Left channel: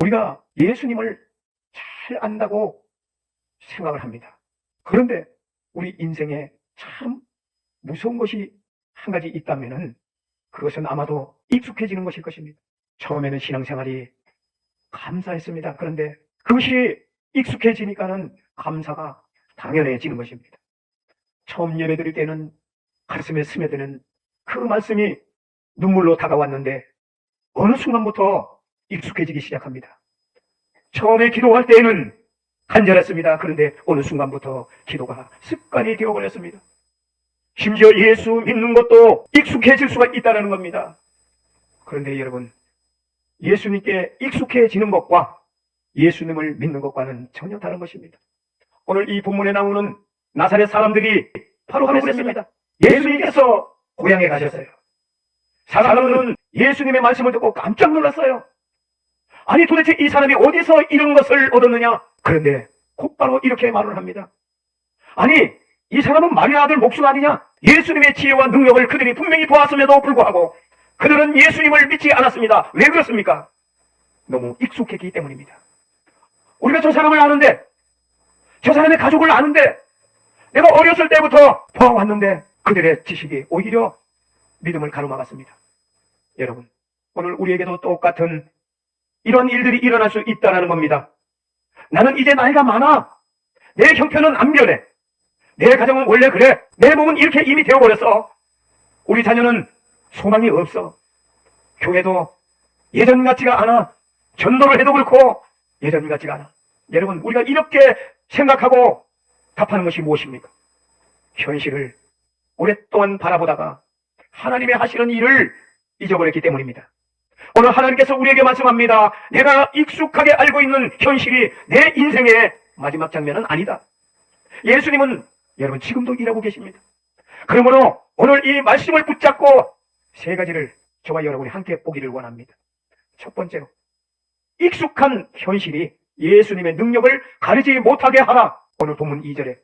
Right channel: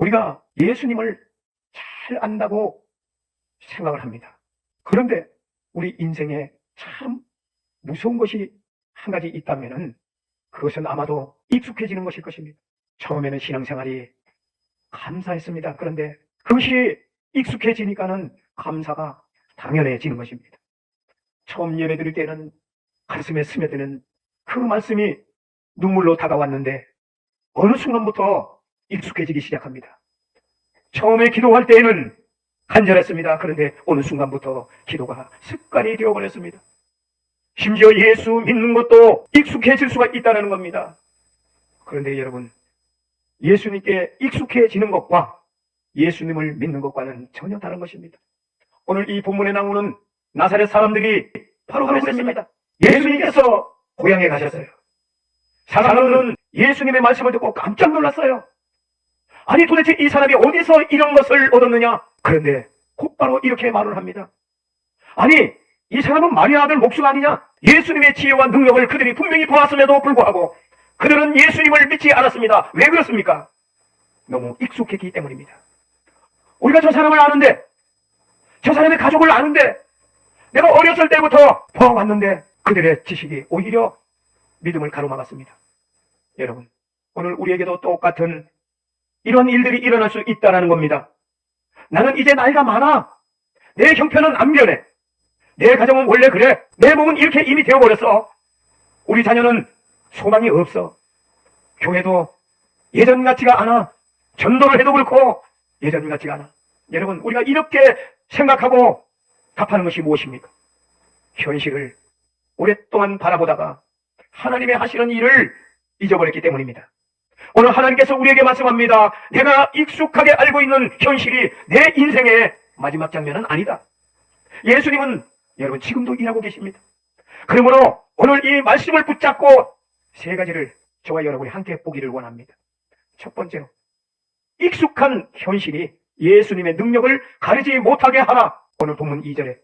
우리가 예수님을 잘 안다고 생각을 합니다. 그런데 우리 인생에 참 무서운 것이 한 가지 있다면은 그것은 아마도 익숙해지는 것일 것입니다. 처음에는 신앙생활이 감사했습니다. 그런데 그것이 익숙해지니까는 감사가 당연해지는 것입니다. 처음 예배드릴 때는 가슴에 스며드는 그 말씀이 눈물로 다가왔는데 어느 순간부터 익숙해지기 시작합니다. 처음에 기도할 때에는 간절했습니다. 그런데 어느 순간부터 기도가 습관이 되어버렸습니다. 심지어 예수 믿는 것도 익숙해질 수가 있다는 겁니다. 그런데 여러분, 예수님께 익숙해지는 것과 예수님을 믿는 것과는 전혀 다른 것입니다. 오늘 이 본문에 나오는 나사렛 사람들이 바로 그랬습니다. 예수님께서 고향에 가셨어요. 사람들은 예수님의 말씀을 듣고 깜짝 놀랐어요. 아니 도대체 이 사람이 어디서 이런 것을 얻었느냐? 그런데 곧바로 이렇게 말을 합니다. 아니 이 사람은 마리아 아들 목수가 아니냐? 예수님의 지혜와 능력을 그들이 분명히 보았음에도 불구하고 그들은 예수님을 믿지 않았습니다. 왜 그렇습니까? 너무 익숙했기 때문입니다. 우리가 저 사람을 아는데, 저 사람의 가족을 아는데, 내가 어렸을 때부터 봐왔는데 그들의 지식이 오히려 믿음을 가로막았습니다. 여러분, 오늘 우리에게도 똑같은 이런 일들이 일어날 수 있다는 겁니다. 나는 이제 나이가 많아. 내 형편은 안 변해. 내 가정은 원래 그래. 내 몸은 이렇게 이미 되어버렸어. 우리 자녀는 소망이 없어. 교회도 예전 같지가 않아. 전도를 해도 그렇고 예전 같지가 않아. 여러분, 우리가 이렇게 생각하고 답하는 것이 무엇입니까? 현실을 오랫동안 바라보다가 하나님의 하시는 일을 잊어버렸기 때문입니다. 오늘 하나님께서 우리에게 말씀합니다. 내가 익숙하게 알고 있는 현실이 내 인생의 마지막 장면은 아니다. 예수님은 여러분 지금도 일하고 계십니다. 그러므로 오늘 이 말씀을 붙잡고 세 가지를 저와 여러분이 함께 보기를 원합니다. 첫 번째로, 익숙한 현실이 예수님의 능력을 가리지 못하게 하나. 오늘 본문 2절에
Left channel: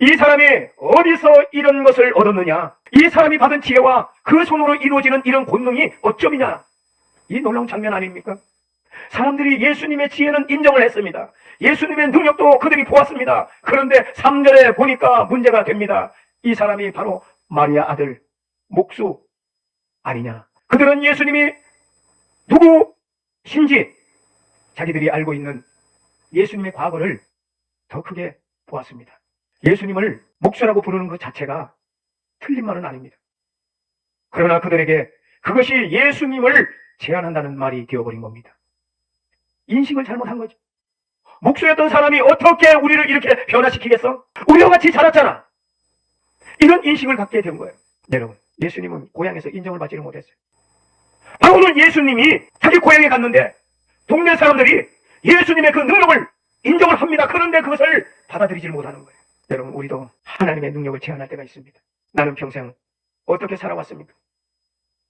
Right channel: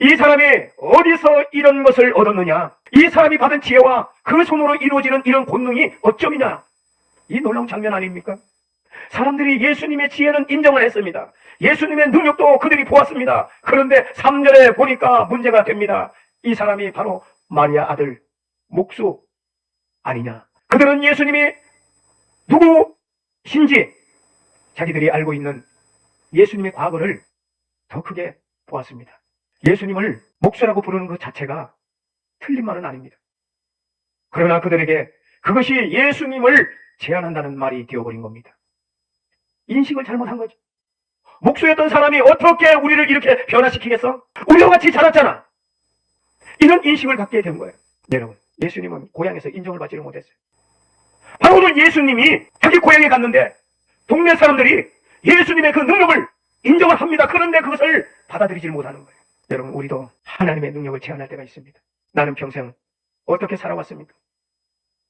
이 사람이 어디서 이런 것을 얻었느냐? 이 사람이 받은 지혜와 그 손으로 이루어지는 이런 권능이 어쩌미냐? 이 놀라운 장면 아닙니까? 사람들이 예수님의 지혜는 인정을 했습니다. 예수님의 능력도 그들이 보았습니다. 그런데 3절에 보니까 문제가 됩니다. 이 사람이 바로 마리아 아들 목수 아니냐? 그들은 예수님이 누구신지 자기들이 알고 있는 예수님의 과거를 더 크게 보았습니다. 예수님을 목수라고 부르는 것 자체가 틀린 말은 아닙니다. 그러나 그들에게 그것이 예수님을 제한한다는 말이 되어버린 겁니다. 인식을 잘못한 거죠. 목수였던 사람이 어떻게 우리를 이렇게 변화시키겠어? 우리와 같이 자랐잖아. 이런 인식을 갖게 된 거예요. 여러분, 예수님은 고향에서 인정을 받지를 못했어요. 바울은 예수님이 자기 고향에 갔는데 동네 사람들이 예수님의 그 능력을 인정을 합니다. 그런데 그것을 받아들이질 못하는 거예요. 여러분, 우리도 하나님의 능력을 제한할 때가 있습니다. 나는 평생 어떻게 살아왔습니까?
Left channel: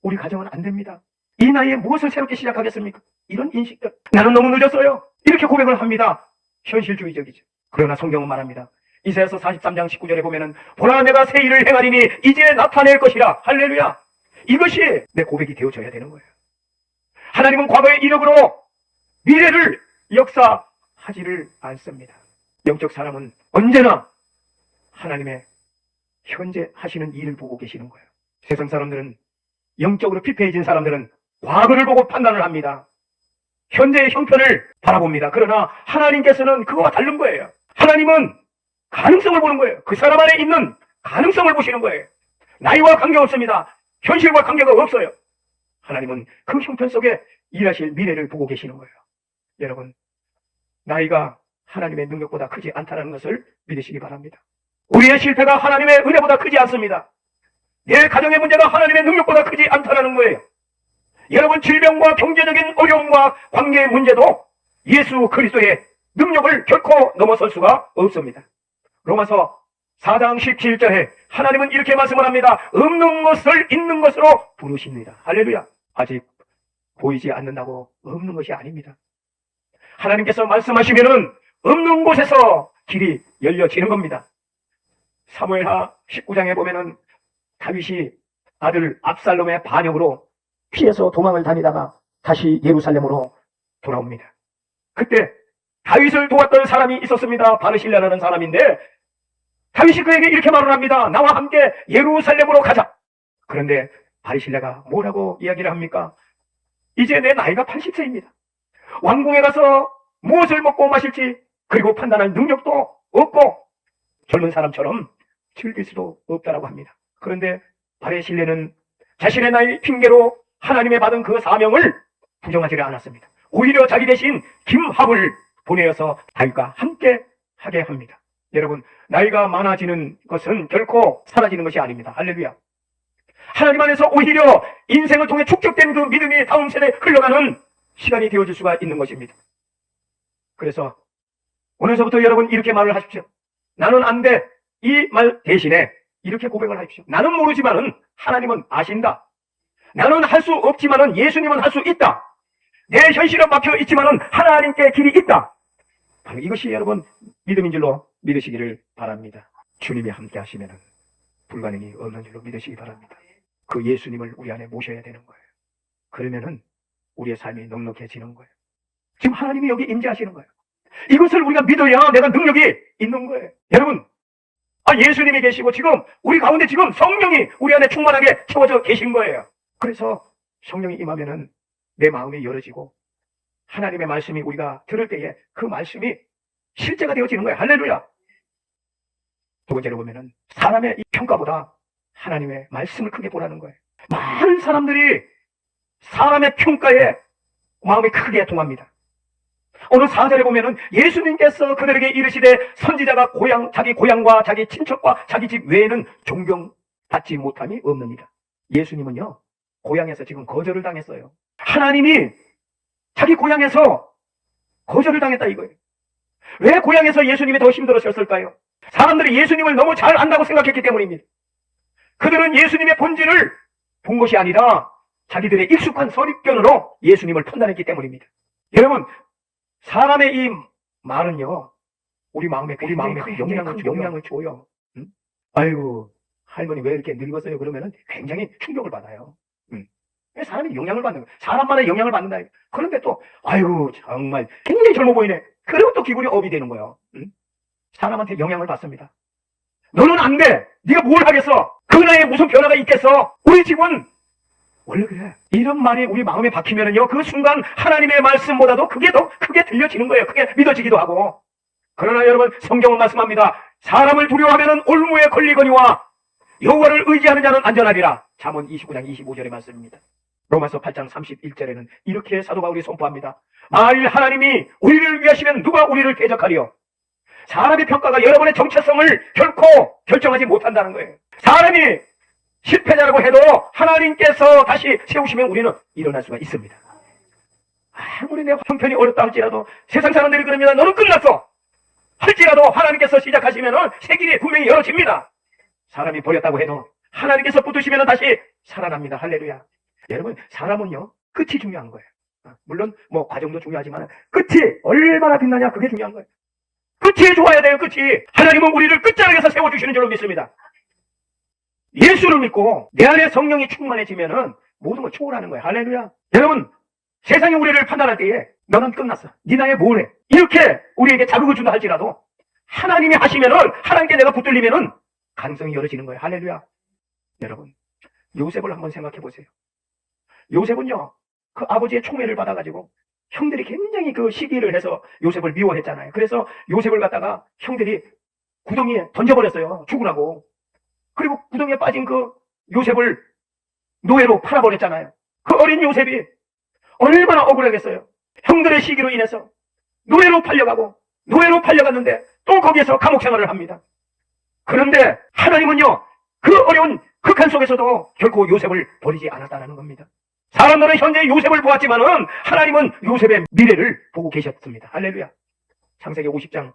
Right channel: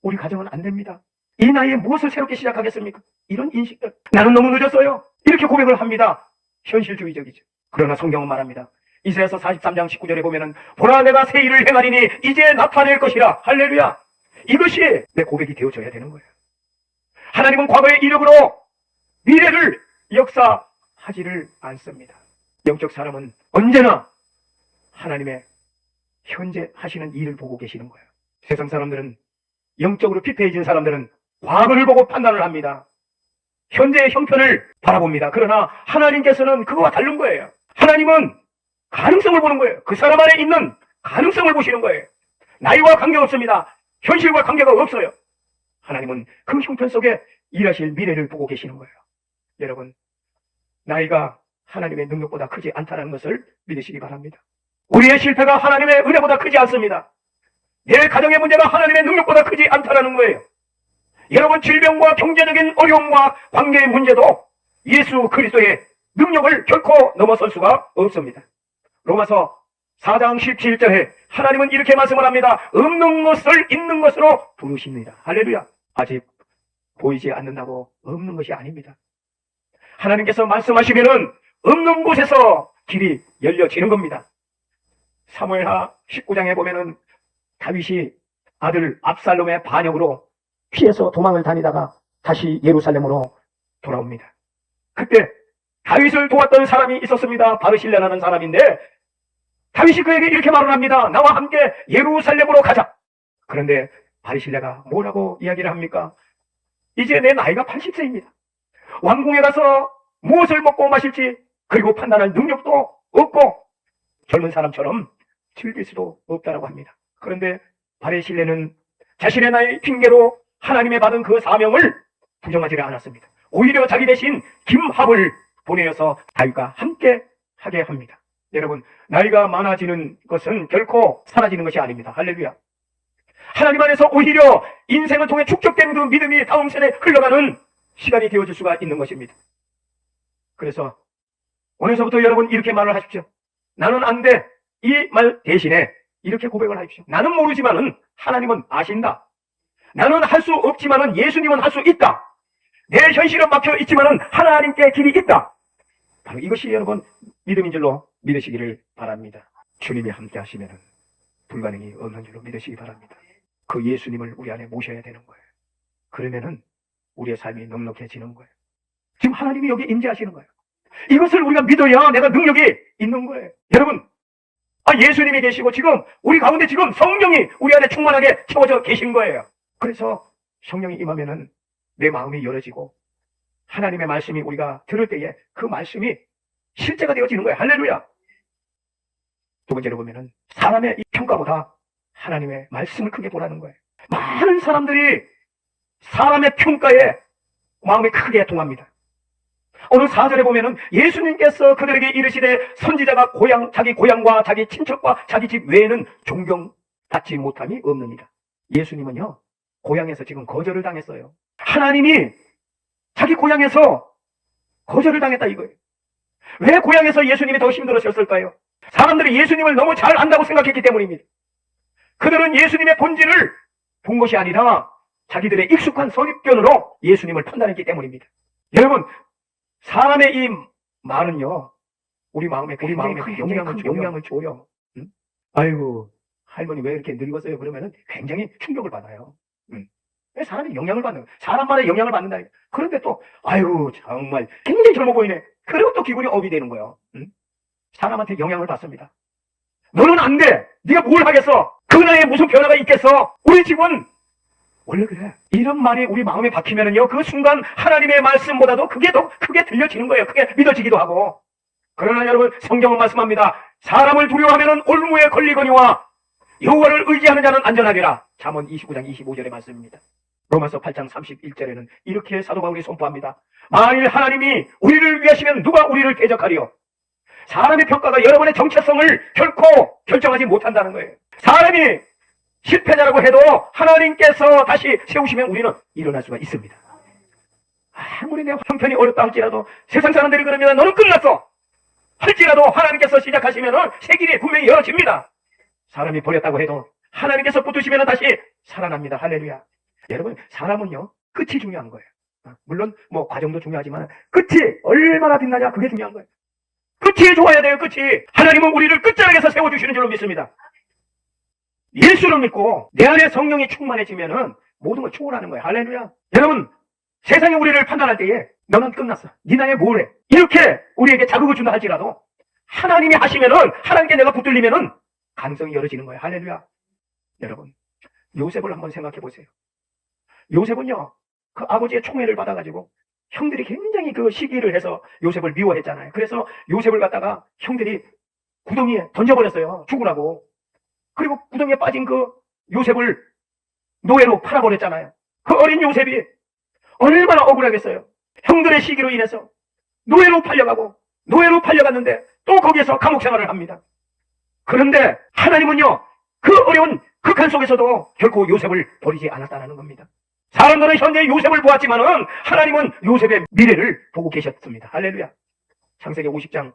우리 가정은 안 됩니다. 이 나이에 무엇을 새롭게 시작하겠습니까? 이런 인식들. 나는 너무 늦었어요. 이렇게 고백을 합니다. 현실주의적이죠. 그러나 성경은 말합니다. 이사야서 43장 19절에 보면은 보라 내가 새 일을 행하리니 이제 나타낼 것이라. 할렐루야. 이것이 내 고백이 되어져야 되는 거예요. 하나님은 과거의 이력으로 미래를 역사하지를 않습니다. 영적 사람은 언제나 하나님의 현재 하시는 일을 보고 계시는 거예요. 세상 사람들은, 영적으로 피폐해진 사람들은 과거를 보고 판단을 합니다. 현재의 형편을 바라봅니다. 그러나 하나님께서는 그거와 다른 거예요. 하나님은 가능성을 보는 거예요. 그 사람 안에 있는 가능성을 보시는 거예요. 나이와 관계없습니다. 현실과 관계가 없어요. 하나님은 그 형편 속에 일하실 미래를 보고 계시는 거예요. 여러분, 나이가 하나님의 능력보다 크지 않다는 것을 믿으시기 바랍니다. 우리의 실패가 하나님의 은혜보다 크지 않습니다. 내 가정의 문제가 하나님의 능력보다 크지 않다는 거예요. 여러분, 질병과 경제적인 어려움과 관계의 문제도 예수 그리스도의 능력을 결코 넘어설 수가 없습니다. 로마서 4장 17절에 하나님은 이렇게 말씀을 합니다. 없는 것을 있는 것으로 부르십니다. 할렐루야. 아직 보이지 않는다고 없는 것이 아닙니다. 하나님께서 말씀하시면은 없는 곳에서 길이 열려지는 겁니다. 사무엘하 19장에 보면은 다윗이 아들 압살롬의 반역으로 피해서 도망을 다니다가 다시 예루살렘으로 돌아옵니다. 그때 다윗을 도왔던 사람이 있었습니다. 바르실레라는 사람인데 다윗이 그에게 이렇게 말을 합니다. 나와 함께 예루살렘으로 가자. 그런데 바르실레가 뭐라고 이야기를 합니까? 이제 내 나이가 80세입니다. 왕궁에 가서 무엇을 먹고 마실지 그리고 판단할 능력도 없고 젊은 사람처럼 즐길 수도 없다라고 합니다. 그런데 바르실레는 자신의 나이 핑계로 하나님의 받은 그 사명을 부정하지를 않았습니다. 오히려 자기 대신 김합을 보내어서 다윗과 함께 하게 합니다. 여러분, 나이가 많아지는 것은 결코 사라지는 것이 아닙니다. 할렐루야. 하나님 안에서 오히려 인생을 통해 축적된 그 믿음이 다음 세대에 흘러가는 시간이 되어질 수가 있는 것입니다. 그래서 오늘서부터 여러분 이렇게 말을 하십시오. 나는 안 돼. 이 말 대신에 이렇게 고백을 하십시오. 나는 모르지만은 하나님은 아신다. 나는 할 수 없지만은 예수님은 할 수 있다. 내 현실은 막혀 있지만은 하나님께 길이 있다. 바로 이것이 여러분 믿음인 줄로 믿으시기를 바랍니다. 주님이 함께 하시면은 불가능이 없는 줄로 믿으시기 바랍니다. 그 예수님을 우리 안에 모셔야 되는 거예요. 그러면은 우리의 삶이 넉넉해지는 거예요. 지금 하나님이 여기 임재하시는 거예요. 이것을 우리가 믿어야 내가 능력이 있는 거예요. 여러분, 예수님이 계시고 지금 우리 가운데 지금 성령이 우리 안에 충만하게 채워져 계신 거예요. 그래서 성령이 임하면은 내 마음이 열어지고 하나님의 말씀이 우리가 들을 때에 그 말씀이 실제가 되어지는 거예요. 할렐루야. 두 번째로 보면은 사람의 이 평가보다 하나님의 말씀을 크게 보라는 거예요. 많은 사람들이 사람의 평가에 마음이 크게 동합니다. 어느 4절에 보면은 예수님께서 그들에게 이르시되 선지자가 자기 고향과 자기 친척과 자기 집 외에는 존경받지 못함이 없느니라. 예수님은요 고향에서 지금 거절을 당했어요. 하나님이 자기 고향에서 거절을 당했다 이거예요. 왜 고향에서 예수님이 더 힘들어졌을까요? 사람들이 예수님을 너무 잘 안다고 생각했기 때문입니다. 그들은 예수님의 본질을 본 것이 아니라 자기들의 익숙한 선입견으로 예수님을 판단했기 때문입니다. 여러분, 사람의 이 말은요 우리 마음에 큰 영향을 줘요. 응? 아이고 할머니 왜 이렇게 늙었어요? 그러면은 굉장히 충격을 받아요. 사람이 영향을 받는 거예요. 사람 말에 영향을 받는다. 그런데 또 아이고 정말 굉장히 젊어 보이네. 그리고 또 기분이 업이 되는 거예요. 사람한테 영향을 받습니다. 너는 안 돼. 네가 뭘 하겠어? 그 나이에 무슨 변화가 있겠어? 우리 집은 원래 그래. 이런 말이 우리 마음에 박히면은요 그 순간 하나님의 말씀보다도 그게 더 크게 들려지는 거예요. 그게 믿어지기도 하고. 그러나 여러분 성경은 말씀합니다. 사람을 두려워하면은 올무에 걸리거니와 여호와를 의지하는 자는 안전하리라. 잠언 29장 25절의 말씀입니다. 로마서 8장 31절에는 이렇게 사도 바울이 선포합니다. 만일 하나님이 우리를 위하시면 누가 우리를 대적하리요? 사람의 평가가 여러분의 정체성을 결코 결정하지 못한다는 거예요. 사람이 실패자라고 해도 하나님께서 다시 세우시면 우리는 일어날 수가 있습니다. 아무리 내 형편이 어렵다 할지라도 세상 사람들이 그러면 너는 끝났어 할지라도 하나님께서 시작하시면 새 길이 분명히 열어집니다. 사람이 버렸다고 해도 하나님께서 붙으시면 다시 살아납니다. 할렐루야. 여러분 사람은요 끝이 중요한 거예요. 물론 뭐 과정도 중요하지만 끝이 얼마나 빛나냐 그게 중요한 거예요. 끝이 좋아야 돼요. 끝이. 하나님은 우리를 끝자락에서 세워주시는 줄로 믿습니다. 예수를 믿고 내 안에 성령이 충만해지면은 모든 걸 초월하는 거예요. 할렐루야. 여러분 세상이 우리를 판단할 때에 너는 끝났어. 네 나이에 뭘 해? 이렇게 우리에게 자극을 준다 할지라도 하나님이 하시면은 하나님께 내가 붙들리면은 가능성이 열어지는 거예요. 할렐루야. 여러분 요셉을 한번 생각해 보세요. 요셉은요 그 아버지의 총애를 받아가지고 형들이 굉장히 그 시기를 해서 요셉을 미워했잖아요. 그래서 요셉을 갖다가 형들이 구덩이에 던져버렸어요. 죽으라고. 그리고 구덩이에 빠진 그 요셉을 노예로 팔아버렸잖아요. 그 어린 요셉이 얼마나 억울하겠어요. 형들의 시기로 인해서 노예로 팔려갔는데 또 거기에서 감옥 생활을 합니다. 그런데 하나님은요 그 어려운 극한 속에서도 결코 요셉을 버리지 않았다는 겁니다. 사람들은 현재 요셉을 보았지만은 하나님은 요셉의 미래를 보고 계셨습니다. 할렐루야. 창세기 50장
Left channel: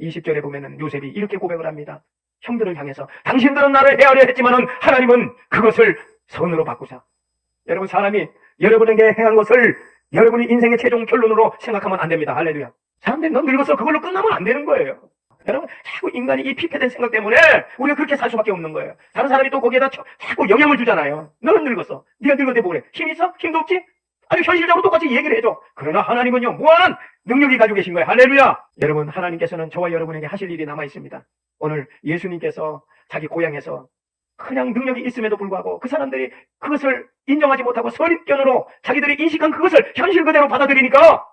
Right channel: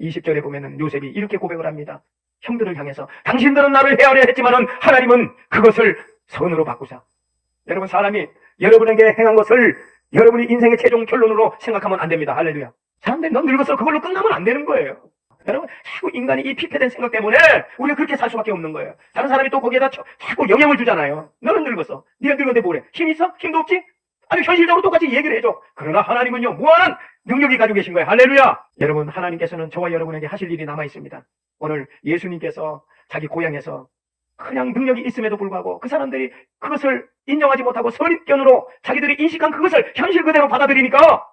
20절에 보면은 요셉이 이렇게 고백을 합니다. 형들을 향해서 당신들은 나를 해하려 했지만은 하나님은 그것을 선으로 바꾸사. 여러분 사람이 여러분에게 행한 것을 여러분이 인생의 최종 결론으로 생각하면 안 됩니다. 할렐루야. 사람들이 넌 늙었어 그걸로 끝나면 안 되는 거예요. 여러분 자꾸 인간이 이 피폐된 생각 때문에 우리가 그렇게 살 수밖에 없는 거예요. 다른 사람이 또 거기에다 자꾸 영향을 주잖아요. 너는 늙었어. 네가 늙었는데 뭐래? 힘 있어? 힘도 없지? 아니 현실적으로 똑같이 얘기를 해줘. 그러나 하나님은요 무한한 능력이 가지고 계신 거예요. 할렐루야. 여러분, 하나님께서는 저와 여러분에게 하실 일이 남아 있습니다. 오늘 예수님께서 자기 고향에서 그냥 능력이 있음에도 불구하고 그 사람들이 그것을 인정하지 못하고 선입견으로 자기들이 인식한 그것을 현실 그대로 받아들이니까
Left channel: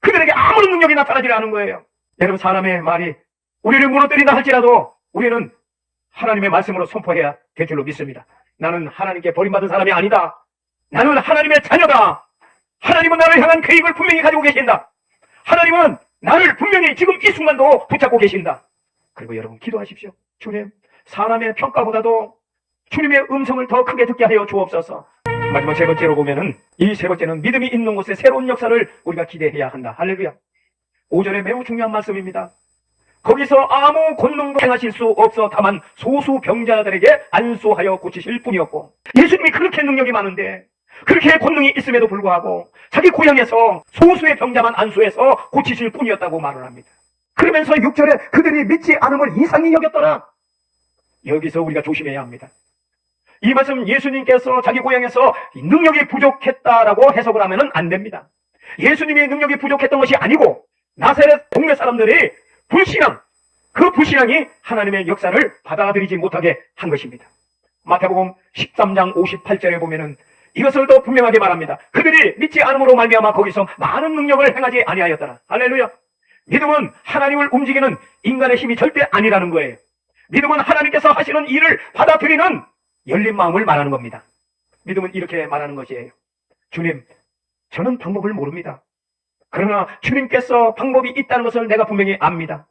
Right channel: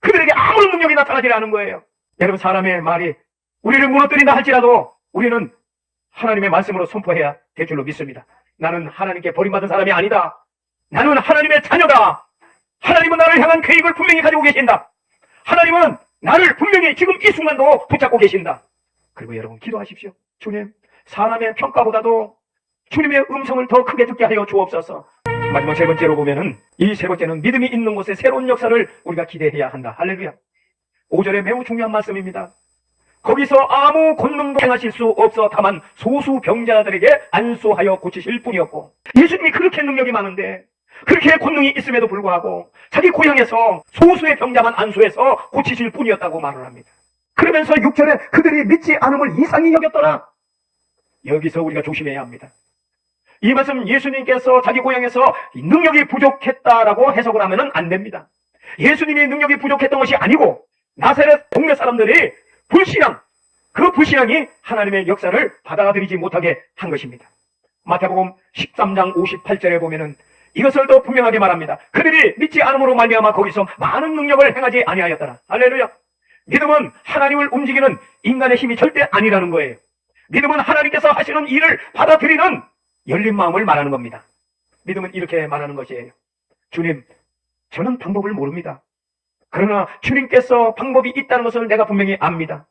그들에게 아무런 능력이 나타나지 않은 거예요. 여러분, 사람의 말이 우리를 무너뜨린다 할지라도 우리는 하나님의 말씀으로 선포해야 될 줄로 믿습니다. 나는 하나님께 버림받은 사람이 아니다. 나는 하나님의 자녀다. 하나님은 나를 향한 계획을 분명히 가지고 계신다. 하나님은 나를 분명히 지금 이 순간도 붙잡고 계신다. 그리고 여러분, 기도하십시오. 주님, 사람의 평가보다도 주님의 음성을 더 크게 듣게 하여 주옵소서. 마지막 세 번째로 보면은, 이 세 번째는 믿음이 있는 곳에 새로운 역사를 우리가 기대해야 한다. 할렐루야. 5절에 매우 중요한 말씀입니다. 거기서 아무 권능도 행하실 수 없어 다만 소수 병자들에게 안수하여 고치실 뿐이었고, 예수님이 그렇게 능력이 많은데 그렇게 권능이 있음에도 불구하고 자기 고향에서 소수의 병자만 안수해서 고치실 뿐이었다고 말을 합니다. 그러면서 6절에 그들이 믿지 않음을 이상히 여겼더라. 여기서 우리가 조심해야 합니다. 이 말씀, 예수님께서 자기 고향에서 능력이 부족했다라고 해석을 하면 안 됩니다. 예수님의 능력이 부족했던 것이 아니고 나사렛 동네 사람들이 불신앙, 그 불신앙이 하나님의 역사를 받아들이지 못하게 한 것입니다. 마태복음 13장 58절에 보면은 이것을 더 분명하게 말합니다. 그들이 믿지 않음으로 말미암아 거기서 많은 능력을 행하지 아니하였더라. 할렐루야. 믿음은 하나님을 움직이는 인간의 힘이 절대 아니라는 거예요. 믿음은 하나님께서 하시는 일을 받아들이는 열린 마음을 말하는 겁니다. 믿음은 이렇게 말하는 것이에요. 주님, 저는 방법을 모릅니다. 그러나 주님께서 방법이 있다는 것을 내가 분명히 압니다.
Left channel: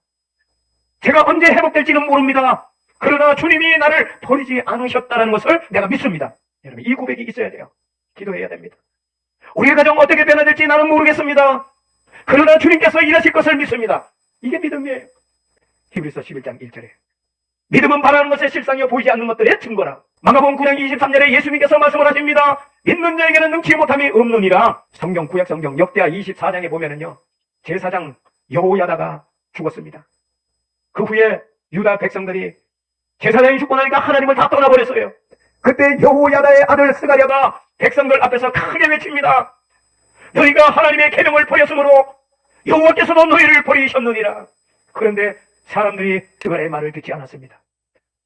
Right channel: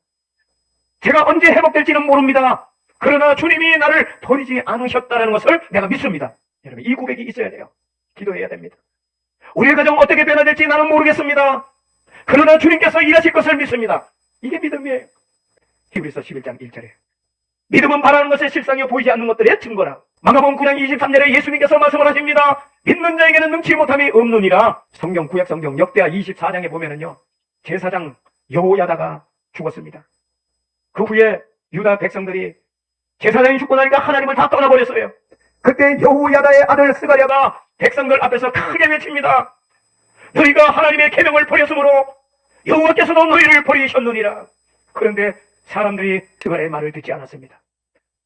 제가 언제 회복될지는 모릅니다. 그러나 주님이 나를 버리지 않으셨다는 것을 내가 믿습니다. 여러분, 이 고백이 있어야 돼요. 기도해야 됩니다. 우리의 가정 어떻게 변화될지 나는 모르겠습니다. 그러나 주님께서 일하실 것을 믿습니다. 이게 믿음이에요. 히브리서 11장 1절에 믿음은 바라는 것의 실상이요 보이지 않는 것들의 증거라. 마가복음 9장 23절에 예수님께서 말씀을 하십니다. 믿는 자에게는 능치 못함이 없느니라. 성경, 구약 성경 역대하 24장에 보면은요, 제사장 여호야다가 죽었습니다. 그 후에 유다 백성들이 제사장이 죽고 나니까 하나님을 다 떠나버렸어요. 그때 여호야다의 아들 스가랴가 백성들 앞에서 크게 외칩니다. 너희가 하나님의 계명을 버렸으므로 여호와께서도 너희를 버리셨느니라. 그런데 사람들이 스가랴의 말을 듣지 않았습니다.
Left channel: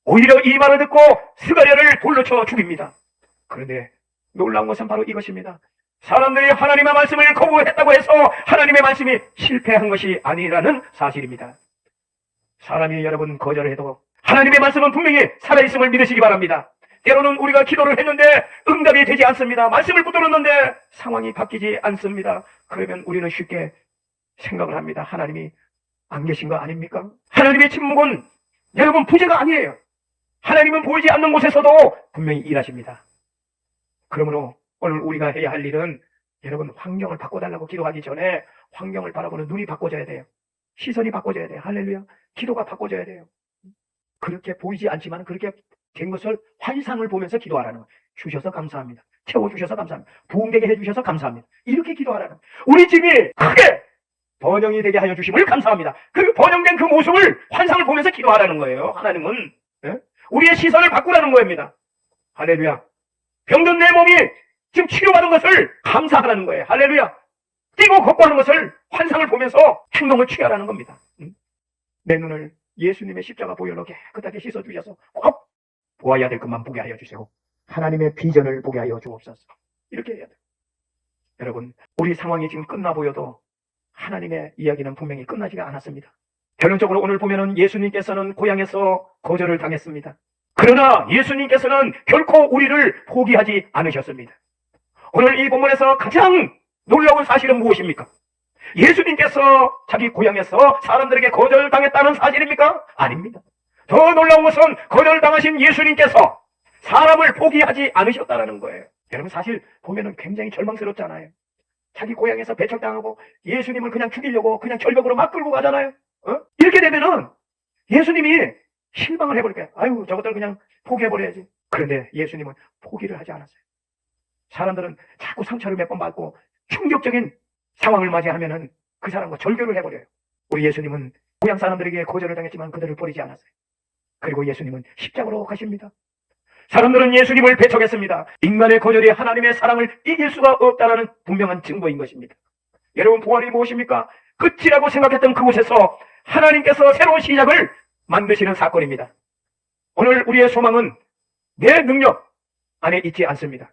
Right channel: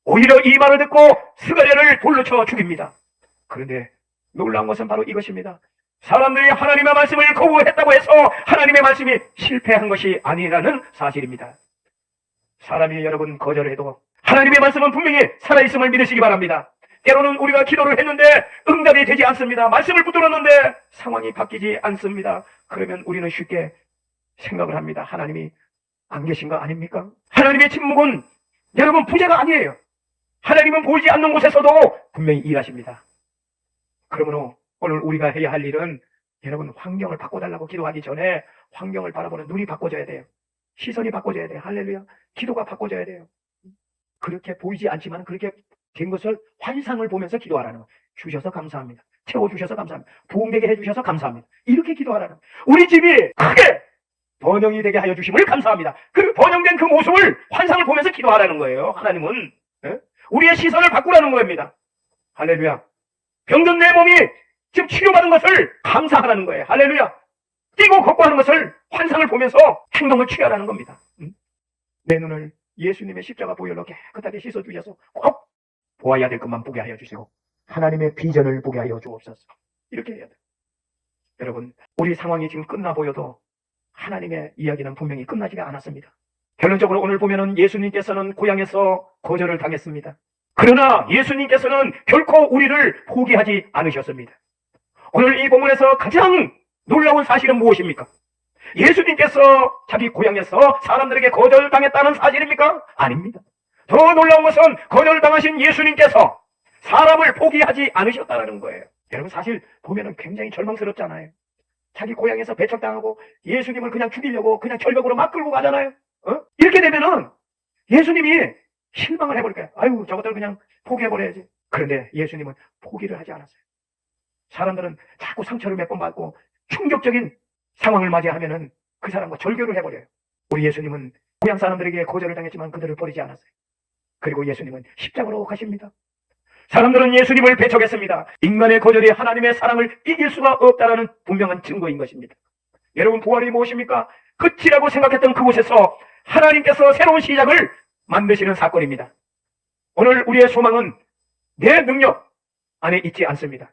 오히려 이 말을 듣고 스가랴를 돌로 쳐 죽입니다. 그런데 놀라운 것은 바로 이것입니다. 사람들이 하나님의 말씀을 거부했다고 해서 하나님의 말씀이 실패한 것이 아니라는 사실입니다. 사람이 여러분 거절해도 하나님의 말씀은 분명히 살아있음을 믿으시기 바랍니다. 때로는 우리가 기도를 했는데 응답이 되지 않습니다. 말씀을 붙들었는데 상황이 바뀌지 않습니다. 그러면 우리는 쉽게 생각을 합니다. 하나님이 안 계신 거 아닙니까? 하나님의 침묵은 여러분 부재가 아니에요. 하나님은 보이지 않는 곳에서도 분명히 일하십니다. 그러므로 오늘 우리가 해야 할 일은 여러분 환경을 바꿔달라고 기도하기 전에 환경을 바라보는 눈이 바꿔져야 돼요. 시선이 바꿔져야 돼요. 할렐루야. 기도가 바꿔져야 돼요. 그렇게 보이지 않지만 그렇게 된 것을 환상을 보면서 기도하라는 거. 주셔서 감사합니다. 채워주셔서 감사합니다. 부흥되게 해주셔서 감사합니다. 이렇게 기도하라는 거. 우리 집이 크게 번영이 되게 하여 주심을 감사합니다. 그 번영된 그 모습을 환상을 보면서 기도하라는 거예요. 하나님은 우리의 시선을 바꾸라는 겁니다. 할렐루야. 병든 내 몸이 지금 치료받은 것을 감사하라는 거예요. 할렐루야. 뛰고 걷고 하는 것을 환상을 보면서 행동을 취하라는 겁니다. 내 눈을 예수님의 십자가 보혈로 깨끗하게 씻어주셔서 꼭 보아야 될 것만 보게 하여 주시고 하나님의 비전을 보게 하여 주옵소서. 이렇게 해야 돼요. 여러분, 우리 상황이 지금 끝나 보여도 하나님의 이야기는 분명히 끝나지가 않았습니다. 결론적으로 오늘 보면은 예수님께서는 고향에서 거절을 당했습니다. 그러나 예수님께서는 결코 우리를 포기하지 않으셨습니다. 오늘 이 본문에서 가장 놀라운 사실은 무엇입니까? 예수님께서 자기 고향에서 사람들에게 거절당했다는 사실입니까? 아닙니다. 더 놀라운 것은 거절당하신 예수님께서 사람을 포기하지 않으셨다는 거예요. 여러분, 사실 보면은 굉장히 절망스럽잖아요. 자기 고향에서 배척당하고 예수님을 그냥 죽이려고 그냥 절벽으로 막 끌고 가잖아요. 이렇게 되면은 예수님이 실망을 해버릴 거예요. 아유, 저것들 그냥 포기해버려야지. 그런데 예수님은 포기를 하지 않았어요. 사람들은 자꾸 상처를 몇 번 받고 충격적인 상황을 맞이하면은 그 사람과 절교를 해버려요. 우리 예수님은 고향 사람들에게 거절을 당했지만 그들을 버리지 않았어요. 그리고 예수님은 십자가로 가십니다. 사람들은 예수님을 배척했습니다. 인간의 거절이 하나님의 사랑을 이길 수가 없다는 분명한 증거인 것입니다. 여러분, 부활이 무엇입니까? 끝이라고 생각했던 그곳에서 하나님께서 새로운 시작을 만드시는 사건입니다. 오늘 우리의 소망은 내 능력 안에 있지 않습니다.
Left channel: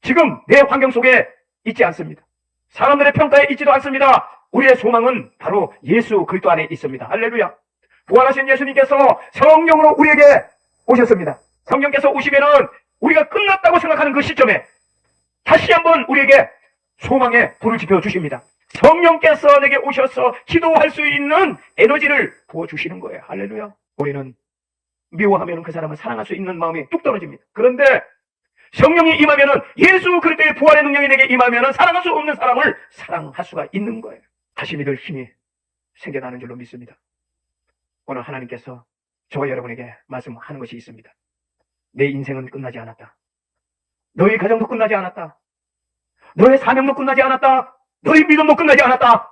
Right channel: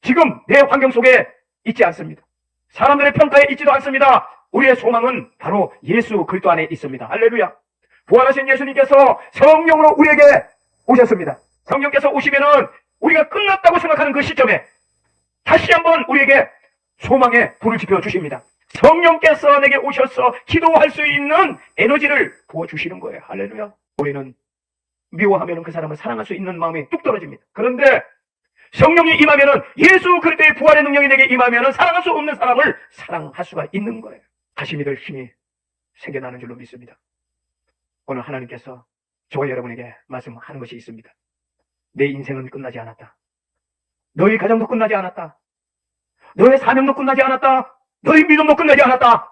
지금 내 환경 속에 있지 않습니다. 사람들의 평가에 있지도 않습니다. 우리의 소망은 바로 예수 그리스도 안에 있습니다. 할렐루야. 부활하신 예수님께서 성령으로 우리에게 오셨습니다. 성령께서 오시면은 우리가 끝났다고 생각하는 그 시점에 다시 한번 우리에게 소망의 불을 지펴 주십니다. 성령께서 내게 오셔서 기도할 수 있는 에너지를 부어주시는 거예요. 할렐루야. 우리는 미워하면 그 사람을 사랑할 수 있는 마음이 뚝 떨어집니다. 그런데 성령이 임하면은, 예수 그리스도의 부활의 능력이 내게 임하면은 사랑할 수 없는 사람을 사랑할 수가 있는 거예요. 다시 믿을 힘이 생겨나는 줄로 믿습니다. 오늘 하나님께서 저와 여러분에게 말씀하는 것이 있습니다. 내 인생은 끝나지 않았다. 너의 가정도 끝나지 않았다. 너의 사명도 끝나지 않았다. 너의 믿음도 끝나지 않았다.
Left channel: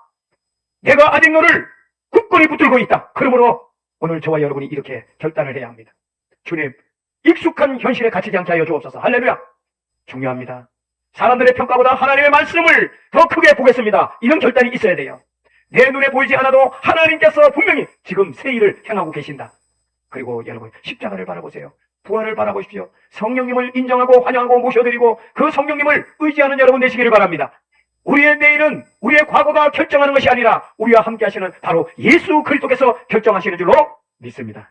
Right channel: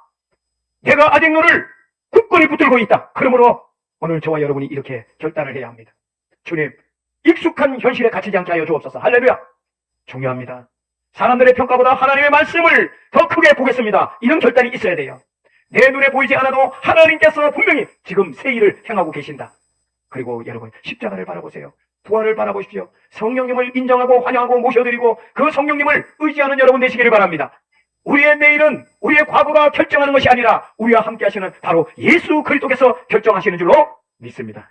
내가 아직 너를 굳건히 붙들고 있다. 그러므로 오늘 저와 여러분이 이렇게 결단을 해야 합니다. 주님, 익숙한 현실에 갇히지 않게 하여 주옵소서. 할렐루야. 중요합니다. 사람들의 평가보다 하나님의 말씀을 더 크게 보겠습니다. 이런 결단이 있어야 돼요. 내 눈에 보이지 않아도 하나님께서 분명히 지금 새 일을 행하고 계신다. 그리고 여러분, 십자가를 바라보세요. 부활을 바라보십시오. 성령님을 인정하고 환영하고 모셔드리고 그 성령님을 의지하는 여러분 되시기를 바랍니다. 우리의 내일은 우리의 과거가 결정하는 것이 아니라 우리와 함께 하시는 바로 예수 그리스도께서 결정하시는 줄로 믿습니다.